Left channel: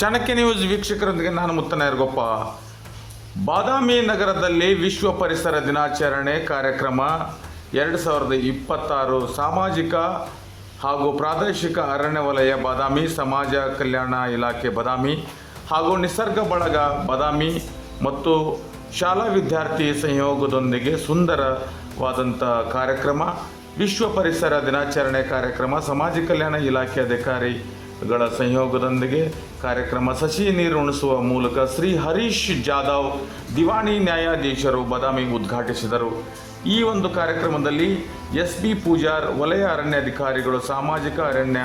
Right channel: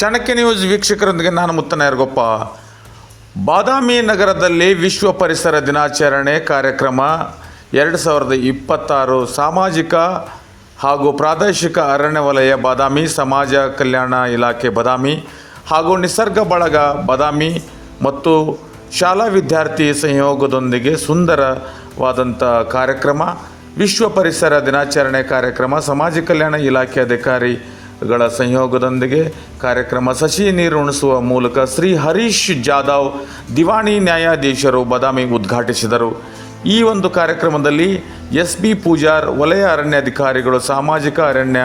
Chanakya news ವೀಕ್ಷಕರೊಂದಿಗೆ ನಾನು ಮುತ್ತನಾಯರ್ಗೊಪ್ಪ. ಬಾದಾಮಿ ನಗರದಲ್ಲಿ ವಿಶ್ವ ಪರಿಸರ ದಿನಾಚರಣೆ ಕಾರ್ಯಕ್ರಮ 2026 ಸಾಮಾಜಿಕ ಹಾಗೂ ಪ್ರಾದೇಶಿಕ ಅರಣ್ಯ ವಲಯ ಬಾದಾಮಿ, ಸಮಾಜ ಕಲ್ಯಾಣ ಇಲಾಖೆ ಬಾದಾಮಿ ಹಾಗೂ ನಿಸರ್ಗ ಬಳಗ ಬಾದಾಮಿ ಮತ್ತು ಶಾಲಾ ವಿದ್ಯಾರ್ಥಿ ಸಂಯೋಗದೊಂದಿಗೆ ಸುಂದರವಾದಂಥ ಕಾರ್ಯಕ್ರಮ. ವಿಶ್ವ ಪರಿಸರ ದಿನಾಚರಣೆ ಕಾರ್ಯಕ್ರಮ ಸಮಾಜ ಕಲ್ಯಾಣ ಇಲಾಖೆ ಅಧಿಕಾರಿಗಳ ಸಂಯೋಗದೊಂದಿಗೆ ಕಾರ್ಯಕ್ರಮ ಸಸಿ ನೀರು ಉಣಿಸುವ ಮೂಲಕ ಶ್ರೀ ಹರೀಶ್ ಜಾಧವ್ ದಿವಾಣಿ ನ್ಯಾಯಾಧೀಶರು ಬಾದಾಮಿ ಉದ್ಘಾಟಿಸಿದರು. ಈ ಒಂದು ಕಾರ್ಯಕ್ರಮದಲ್ಲಿ ಎಸ್ ಬಿ ಪೂಜಾರ್ ವಲಯ ಅರಣ್ಯಾಧಿಕಾರಿಗಳು, ಸಾಮಾಜಿಕ ಅರಣ್ಯ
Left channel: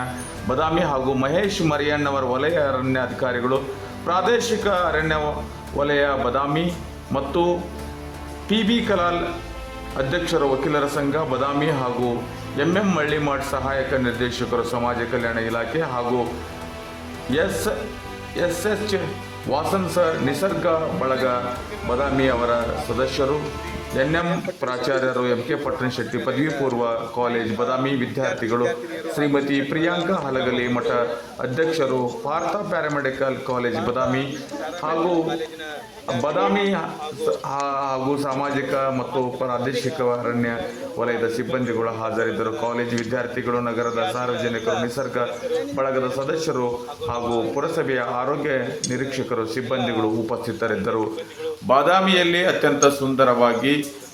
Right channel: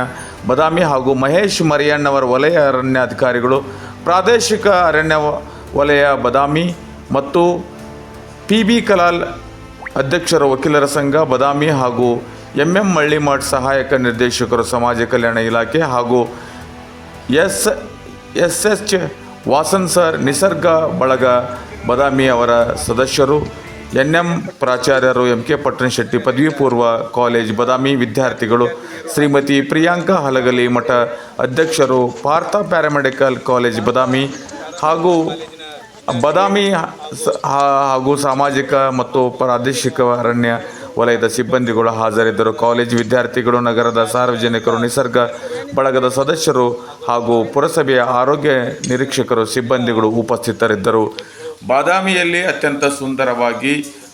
ಬಾದಾಮಿ ಹಾಗೂ ಮಹೇಶ್ ಮರಿಯಣ್ಣವರ ವಲಯ ಅರಣ್ಯಾಧಿಕಾರಿಗಳು, ಪ್ರಾದೇಶಿಕ ಅರಣ್ಯ ವಲಯ ಬಾದಾಮಿ ಮತ್ತು ಪಿ ಬಿ ಕಲಾಲ್ ಅಧ್ಯಕ್ಷರು, ವಕೀಲರ ಸಂಘ ಬಾದಾಮಿ ಹಾಗೂ ಎಂ ಮಳ್ಳಿಮಠ್ ಸಹಾಯಕ ನಿರ್ದೇಶಕರು ಸಮಾಜ ಕಲ್ಯಾಣ ಇಲಾಖೆ ಹಾಗೂ ಎಸ್ ಎಚ್ ವಾಸನ್ ಸರ್ ನಿಸರ್ಗ ಬಳಗ ಬಾದಾಮಿ ಅವರ ಸದಸ್ಯರು, ಎನ್ ಪ್ರಾಚಾರ್ಯರು, ಕೆ ಪಟ್ಟಣಶೆಟ್ಟಿ ಪದವಿ ಪೂರ್ವ ಕಾಲೇಜ್ ಬಾದಾಮಿ ವಿದ್ಯಾರ್ಥಿಗಳು, ಶ್ರೀಮತಿ ಪ್ರಿಯಾಂಕಾ ಹಲಗಲಿ ಮಠ ಅಧ್ಯಕ್ಷರು, ಪಾರ್ಥ ಪ್ಯಾರಾಮೆಡಿಕಲ್ ಕಾಲೇಜ್ ಬಾದಾಮಿ ಹಾಗೂ ಬಾದಾಮಿ ಹಾಗೂ ಸಾಮಾಜಿಕ ಮತ್ತು ಪ್ರಾದೇಶಿಕ ಅರಣ್ಯ ವಲಯದ ಸಿಬ್ಬಂದಿಗಳು ಹಾಜರಿದ್ದರು. ಕಾಲೇಜು ವಿದ್ಯಾರ್ಥಿಗಳು, ನಗರದ ಸಾರ್ವಜನಿಕರು, ನಿಸರ್ಗ ಬಳಗದ ಸದಸ್ಯರು ಹಾಗೂ ಪುರಸಭೆಯ ಆರೋಗ್ಯ ನಿರೀಕ್ಷಕರು, ಸಿಬ್ಬಂದಿಗಳು ಉಪಸ್ಥಿತರಿದ್ದರು. ಬಾದಾಮಿಯಲ್ಲಿ ಅತ್ಯಂತ ಸುಂದರವಾಗಿ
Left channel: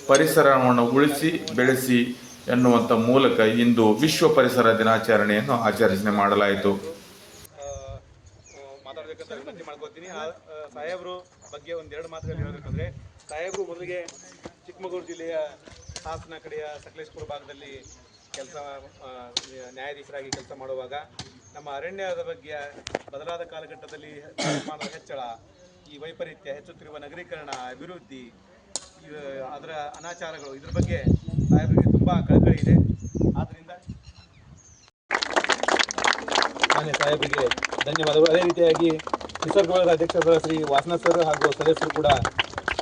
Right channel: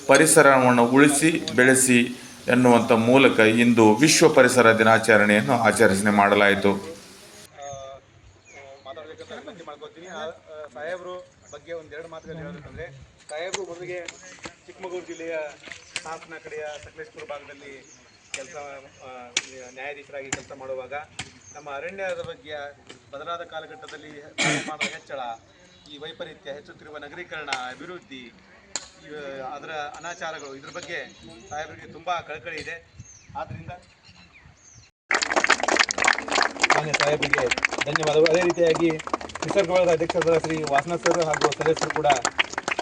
ಪರಿಸರವನ್ನು ಉಳಿಸಿ ಬೆಳೆಸಿ ಎನ್ನುವಂಥ ಮೂಲಕ ಇಂದು ವಿಶ್ವ ಪರಿಸರ ದಿನಾಚರಣೆಯನ್ನು ಆಚರಣೆ ಮಾಡಲಾಯಿತು. ಸಾಹೇಬರು ಬಗ್ಗೆ ಒಂದೆರಡು ಮಾತುಗಳು ಹೇಳಬೇಕಂದ್ರೆ, ಸಾಹೇಬರು ಮೊದಲಿಗೆ ಚಿಕ್ಕಮಗಳೂರು ಜಿಲ್ಲೆಯ ಹಾಸನ ಕಡೆಯ ಸಕಲೇಶ್ಪುರ ಭಾಗದಲ್ಲಿ ನ್ಯಾಯಾಧೀಶರಾಗಿ ಕೆಲಸ ಮಾಡುವಾಗ ನಮ್ಮ ಅರಣ್ಯದ ಬಗ್ಗೆ ಬದಲಾದ ಕಾಲಘಟ್ಟದಲ್ಲಿ ತಾಪಮಾನದ ಹೆಚ್ಚಳ, ಈ ವೈಪರೀತ್ಯ, ಹೆಚ್ಚುತ್ತಿರುವ ನಗರೀಕರಣ, ಅಭಿವೃದ್ಧಿ, ಅದರ ಅನಾಚಾರಗಳು, ಇದ್ರ ಬಗ್ಗೆ ಸಾಹೇಬರಿಗೆ ತುಂಬ ಕಳಕಳಿ ಇದೆ. ಆದ್ದರಿಂದ ನಾನೇ ಸಾಹೇಬರಿಗೆ ಧನ್ಯವಾದಗಳು. ಅದೇ ರೀತಿಯಾಗಿ ನಿಸರ್ಗ ಬಳಗದ ಅಧ್ಯಕ್ಷರಾದ ಶ್ರೀ ವಾಸನ ಸರ್ ಹಾಗೂ ಸದಸ್ಯರು ಕೂಡ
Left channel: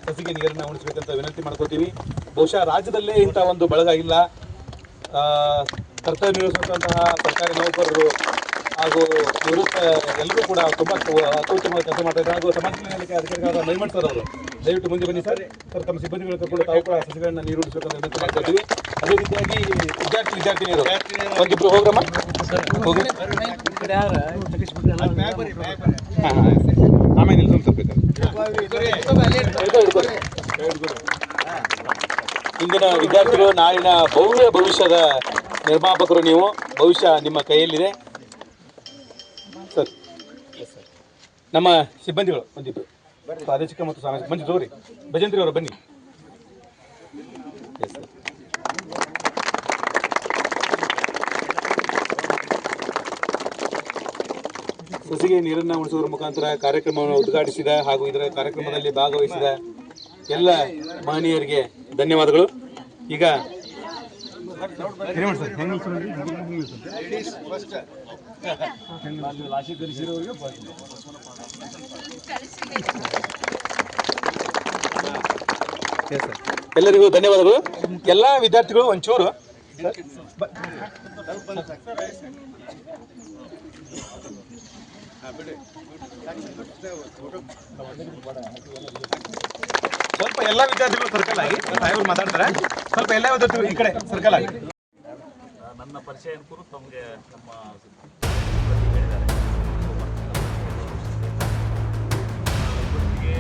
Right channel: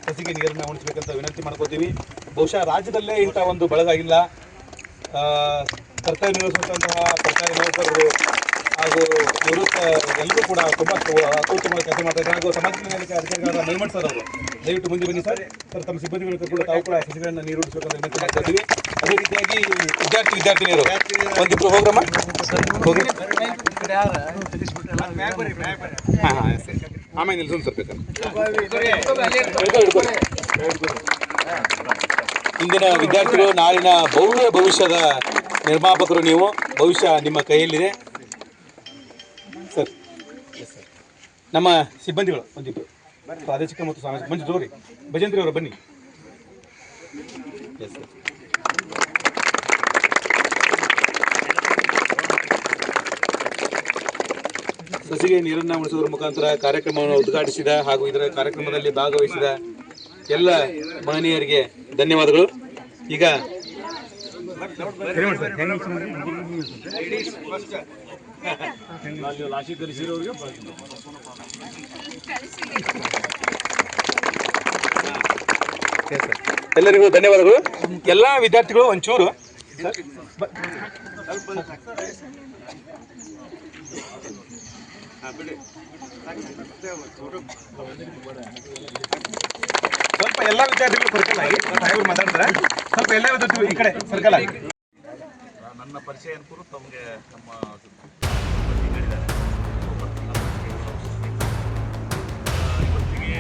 ಸಸಿಗೆ ನೀರನ್ನು ಉಣಿಸಬೇಕಂತ ವಿನಂತಿ ಮಾಡ್ಕೋತೀವಿ. ಬಹುಶಃ ರಾಜ್ಯದಲ್ಲೇ ಇಂಥ ಒಂದು ಬಳಗ ಇಲ್ಲ. ಕರ್ತವ್ಯ ನಿರ್ವಹಿಸುವಂತಹ ಸರ್ಕಾರಿ ನೌಕರರು ಹಾಗೂ ನಿವೃತ್ತ ಎಲ್ಲರೂ ಕೂಡ ತುಂಬ ಅತ್ಯುತ್ತಮ ಕೆಲಸ ಮಾಡ್ತಾರೆ. ಹಾಗೂ ಸಮಾಜ ಕಲ್ಯಾಣ ಅಧಿಕಾರಿಗಳಾದ ಮೈಮಠ್ ಸರ್ ಅವರು ದಯವಿಟ್ಟು ಮುಂದೆ ಬನ್ನಿ ಸರ್. ತಮ್ಮ ಸಿಬ್ಬಂದಿಗಳು ಕೂಡ ತಾವು ಕೂಡ ಸಸಿಗಳನ್ನು ನೀರು ಉಳಿಸಬೇಕಂತ ವಿನಂತಿ ಮಾಡ್ಕೋತೀವಿ. ಅದೇ ರೀತಿಯಾಗಿ ವಿದ್ಯಾರ್ಥಿನಿಯರು ಒಂದಿಬ್ಬರು ಹೋಗ್ರಮ್ಮ ಹೋಗಿ ಆಮೇಲೆ ನಿಲ್ಸೋಬೇಕಲ್ಲ. ಇಂದಿನ ವಿದ್ಯಾರ್ಥಿಗಳು ನಾಳಿನ ಭವಿಷ್ಯದ ನಿರ್ಮಾಪಕರು. ನೀವು ಭವಿಷ್ಯ ನಿಮ್ಮ ಕೈಯಲ್ಲಿದೆ ಸರ್. ನಮ್ಮ ಸಿಬ್ಬಂದಿಗಳು ಬಂದಿದ್ದು ಪ್ರಾದೇಶಿಕ ಮತ್ತು ಸಾಮಾಜಿಕ ಬಂದಿದ್ದವ್ರಿ ಭಜಂತ್ರಿ ಅವರು ಬನ್ನಿ. Yes sir. ಸಸಿಗೆ ನೀರನ್ನು ಉಣಿಸುವುದರ ಮುಖಾಂತರ ಕಾರ್ಯಕ್ರಮವನ್ನು ಉದ್ಘಾಟಿಸಿದ ಹಾಗೂ ಇದರ ಕಾರ್ಯಕ್ರಮದಲ್ಲಿ ಭಾಗವಹಿಸಿದ ಎಲ್ಲ ಮಹನೀಯರಿಗೆ ಧನ್ಯವಾದಗಳು. ಈಗ ಎಲ್ಲರಿಗೂ ಧನ್ಯವಾದಗಳು. ಎಲ್ಲ ವಿದ್ಯಾರ್ಥಿಗಳು ಒಂಚೂರು ಸ್ವಲ್ಪ ಎಲ್ಲ ವಿದ್ಯಾರ್ಥಿಗಳು ಸರ್ಕಲ್ ಆಗಿ ಸಾಹೇಬರು ಮಾತಾಡ್ತಾರೆ. ಸ್ವಲ್ಪ ಎಲ್ಲ ವಿದ್ಯಾರ್ಥಿಗಳು ಈ ಕಡೆ ಸರ್ಕಲ್ ಆಗಿ. ನನ್ನ ಪರಿಚಯ ಅನುಕೂಲ ತಮಗೆ ನಮ್ಮ ಬಗ್ಗೆ ಹೇಳಿದ್ದಾರೆ. ಇವತ್ತಿಗೆ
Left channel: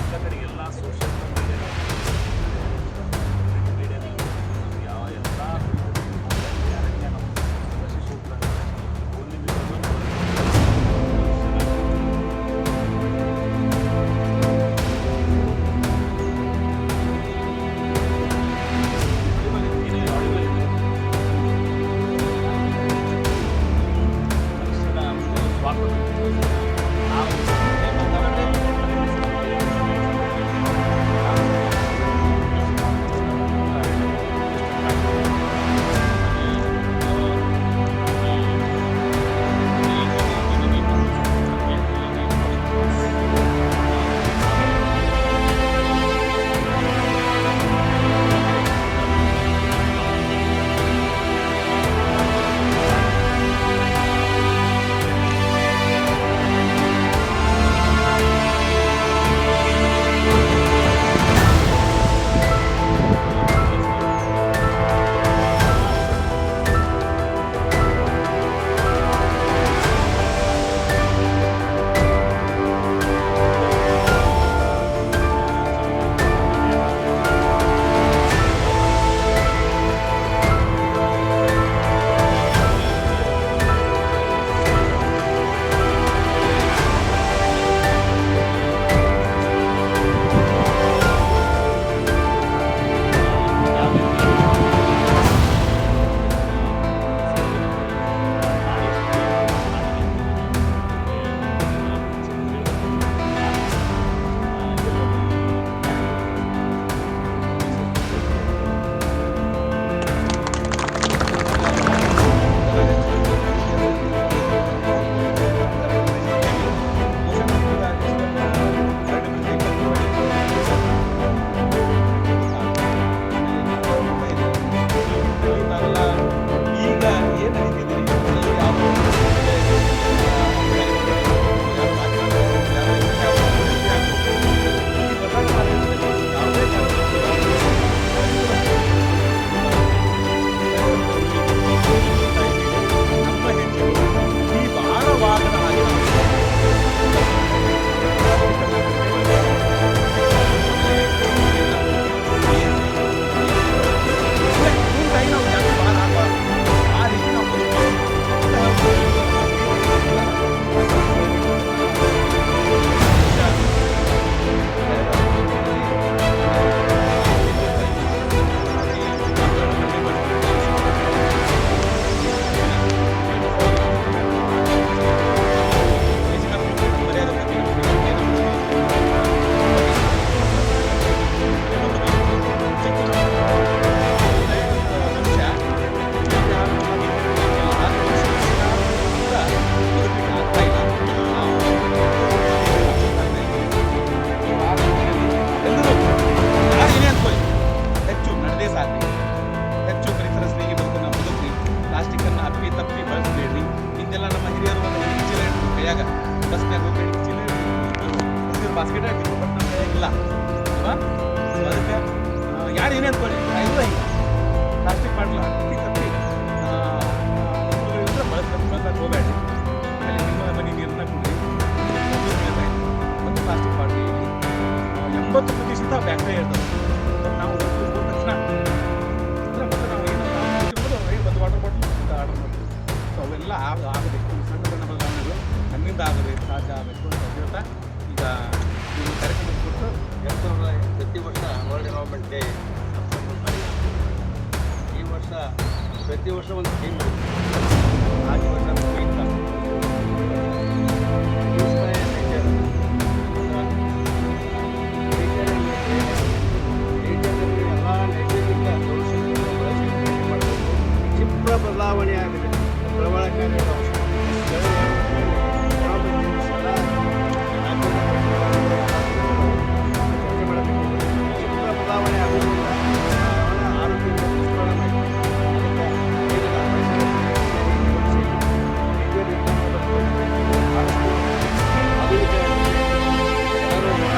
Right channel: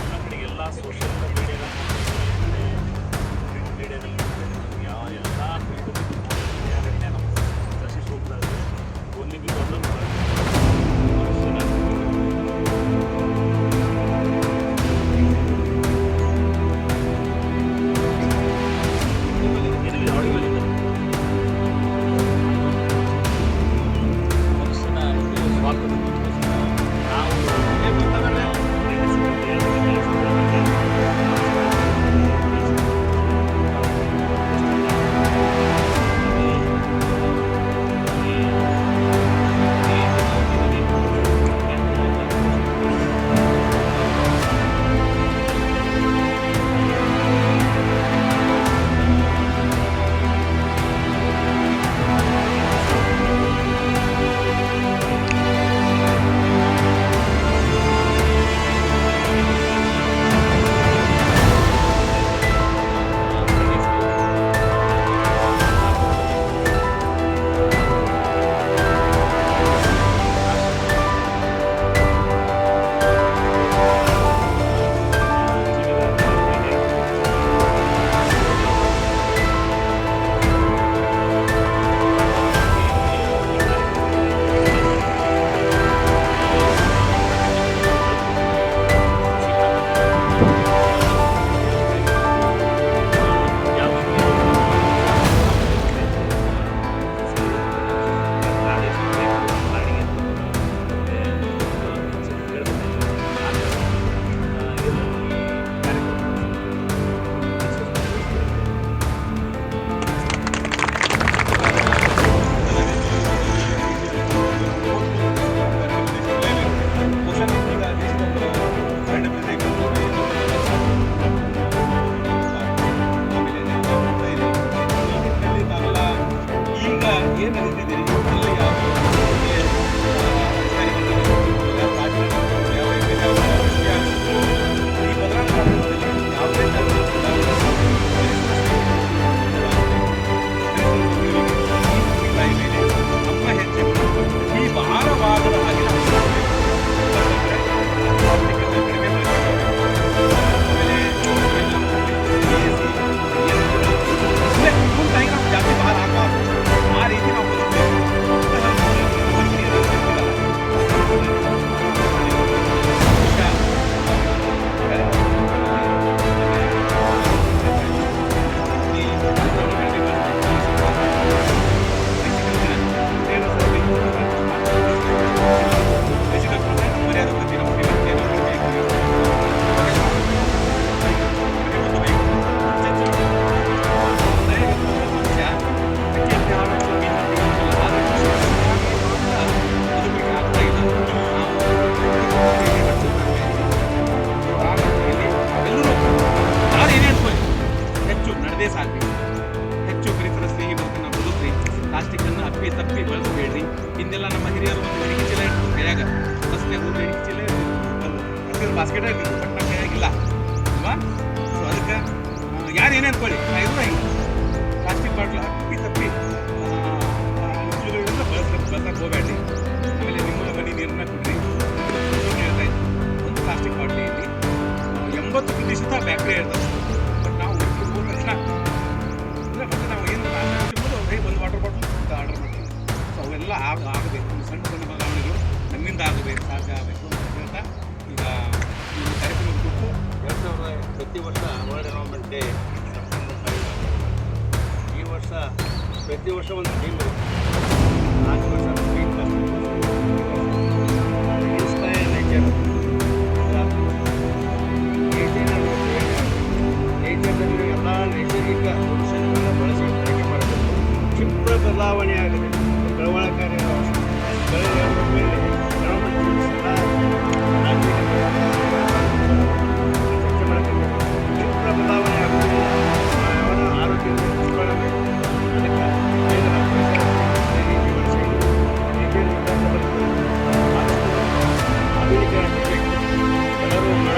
ಎಲ್ಲ ಕಡೆ ಎಲ್ಲ ಸೋಷಿಯಲ್ ಮೀಡಿಯಾದಲ್ಲಿ ಯಾವ ಎಲ್ಲ ಅರಣ್ಯ ನಮ್ಮ ರಕ್ಷಿಸಿ ಹೋಗ್ತಾರೆ. ಓನ್ಲಿ ಬಿಕಾಸ್ ಕೈಯಾಗ ಬಸ್ನಾಗ ಹೋಗಿ ಚಿಲ್ಲರೆ ಬರ್ತಿದ್ರು ಬಾಸ್ಕೆಟ್ ಆಗಿದ್ರು ಬಟ್ ನಮ್ಮ ಕೈಯಾಗಿಲ್ಲ ಅಲ್ವಾ. ಸೊ ಅದಕ್ಕೆ ಯಾರು ಏನೇ ಅಂದ್ಕೊಳ್ಳಿ ಇದು ಹಿಂಗೆ ಪ್ಲಾಸ್ಟಿಕ್ ಬಾಟ್ಲು ಅಪ್ಪಿ ತಪ್ಪಿ ಅನುಕೂಲಗಳಿಂದ ಬಳಸಕ್ಕೆ ಹೋಗಬೇಡಿ. ಆಮೇಲೆ ನಿಮ್ಮ ಮನೆ ನೀರನ್ನ ಕುಡ್ರಿ. ಹೇಳ್ತಾ ಇದ್ವಿ ಒಂದು ಪ್ಲಾಸ್ಟಿಕ್ ಬಾಟ್ಲಿಯಲ್ಲಿ 80% ಬ್ಯಾಕ್ಟೀರಿಯಾ ಇರ್ತದೆ. ಬಟ್ ನಾವು ಹೋದ ತಕ್ಷಣ ಅಂದರೆ ಮತ್ತೆ ನಾವು ಏನು ತಿಂಬೋದು ಒಂದು ವಾಟರ್ ಬಾಟ್ಲ್ ಅಂತ ಆರ್ಡರ್ ಮಾಡ್ತೀವಿ. ಸೊ ಅವೆಲ್ಲ ಆಗಬೇಕು. ಸಣ್ಣ ಸಣ್ಣ ಬದಲಾವಣೆಗಳು ನಮ್ಮಿಂದ ಆಗಬೇಕು, ಸಾಧ್ಯ ಆಗಬೇಕು ಅಂತ ಹೇಳ್ತಾ ಈಗ ಈ ಕಾರ್ಯಕ್ರಮದ ಕೊಟ್ಟು ಪ್ರತಿ ವರ್ಷ ವರ್ಲ್ಡ್ ಎನ್ವೈರನ್ಮೆಂಟ್ ಡೇ ಸೆಪ್ಟೆಂಬರ್ 5 ಈ ವರ್ಷ ಪ್ರತಿ ವರ್ಷ ಒಂದು ಥೀಮ್ ಇರುತ್ತೆ. ನಾಲ್ಕು ವರ್ಷ ಥೀಮ್ ಇನ್ಸ್ಪೈರ್ ನೇಚರ್. ನೇಚರ್ನಲ್ಲಿ ಎಲ್ಲ ನೈಸರ್ಗಿಕ ಸೊಲ್ಯೂಷನ್ಗಳನ್ನು ಬಳಸಿ ಬಳಕೆ ಮಾಡಬೇಕು. ಕ್ಷಿಪ್ರ ಬದಲಾವಣೆ ಆಗಿದೆ, ಬೆಳವಣಿಗೆಕಾರಿ ಚರ್ಚೆ ಮಾಡಬೇಕು. ಕ್ಷಿಪ್ರ ಬದಲಾವಣೆ ಆಗುವುದಿಲ್ಲ, ಅವನ ಆರೋಗ್ಯದ ದುಷ್ಪರಿಣಾಮ. ಅದಕ್ಕೆ ಹೇಳಿದ ಪರಿಸರ ಆಧುನಿಕ ಎಲ್ಲರೂ ಮರ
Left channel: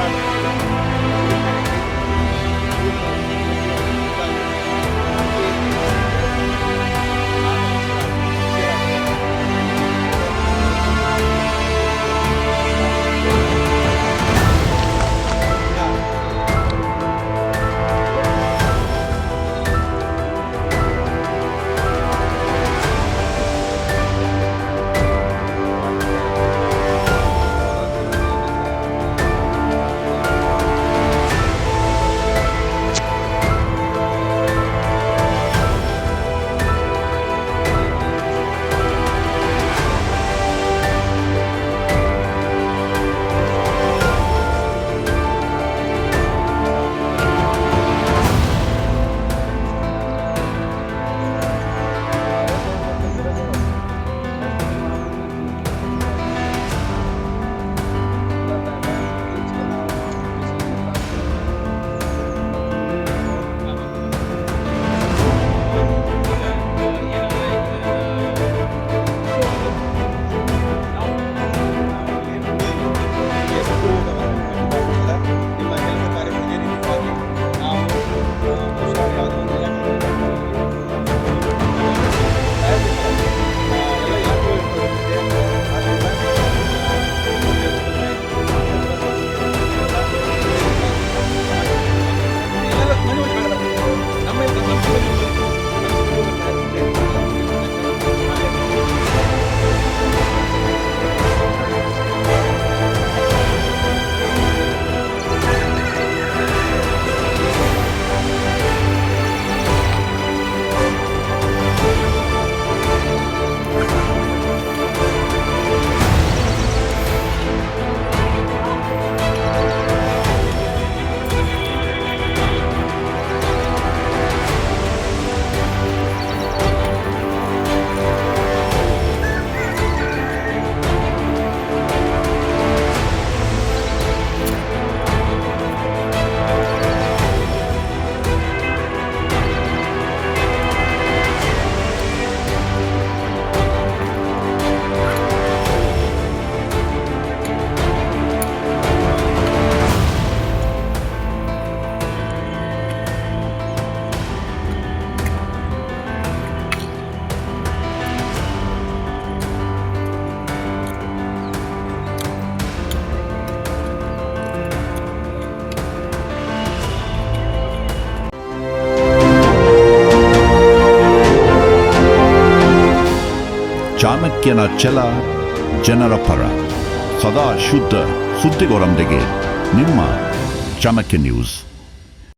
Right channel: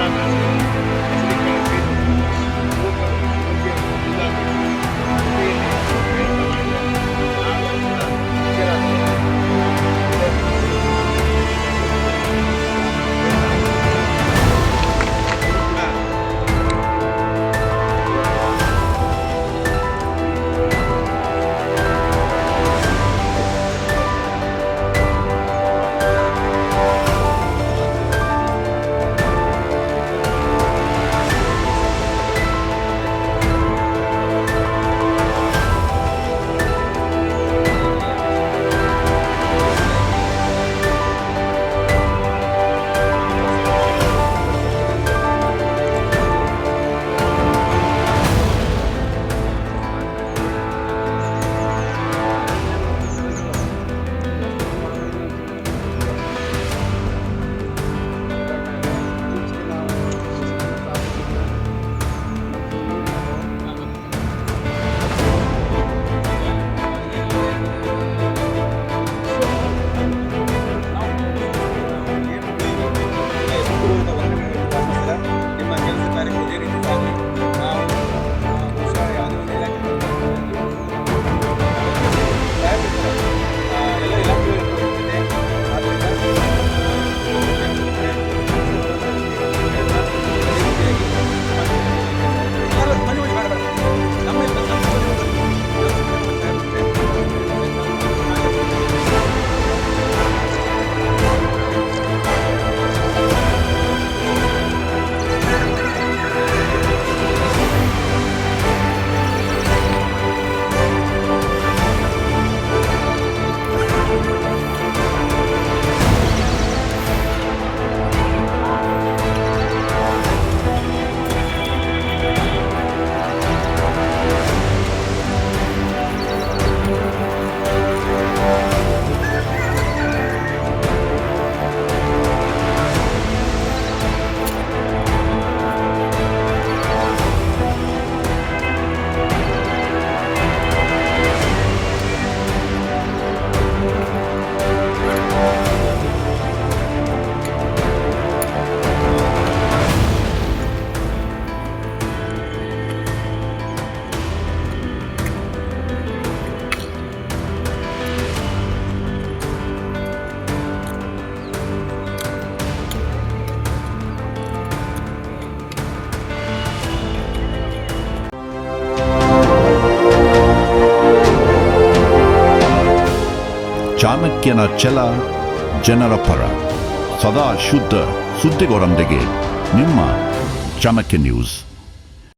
ಚಾಣಕ್ಯನ ಛಲ ಜನರ ಪರ, ಸದಾ ಶುದ್ಧ ಸುದ್ದಿಗಳೊಂದಿಗೆ ನಿಮ್ಮ ಚಾಣಕ್ಯ ನ್ಯೂಸ್.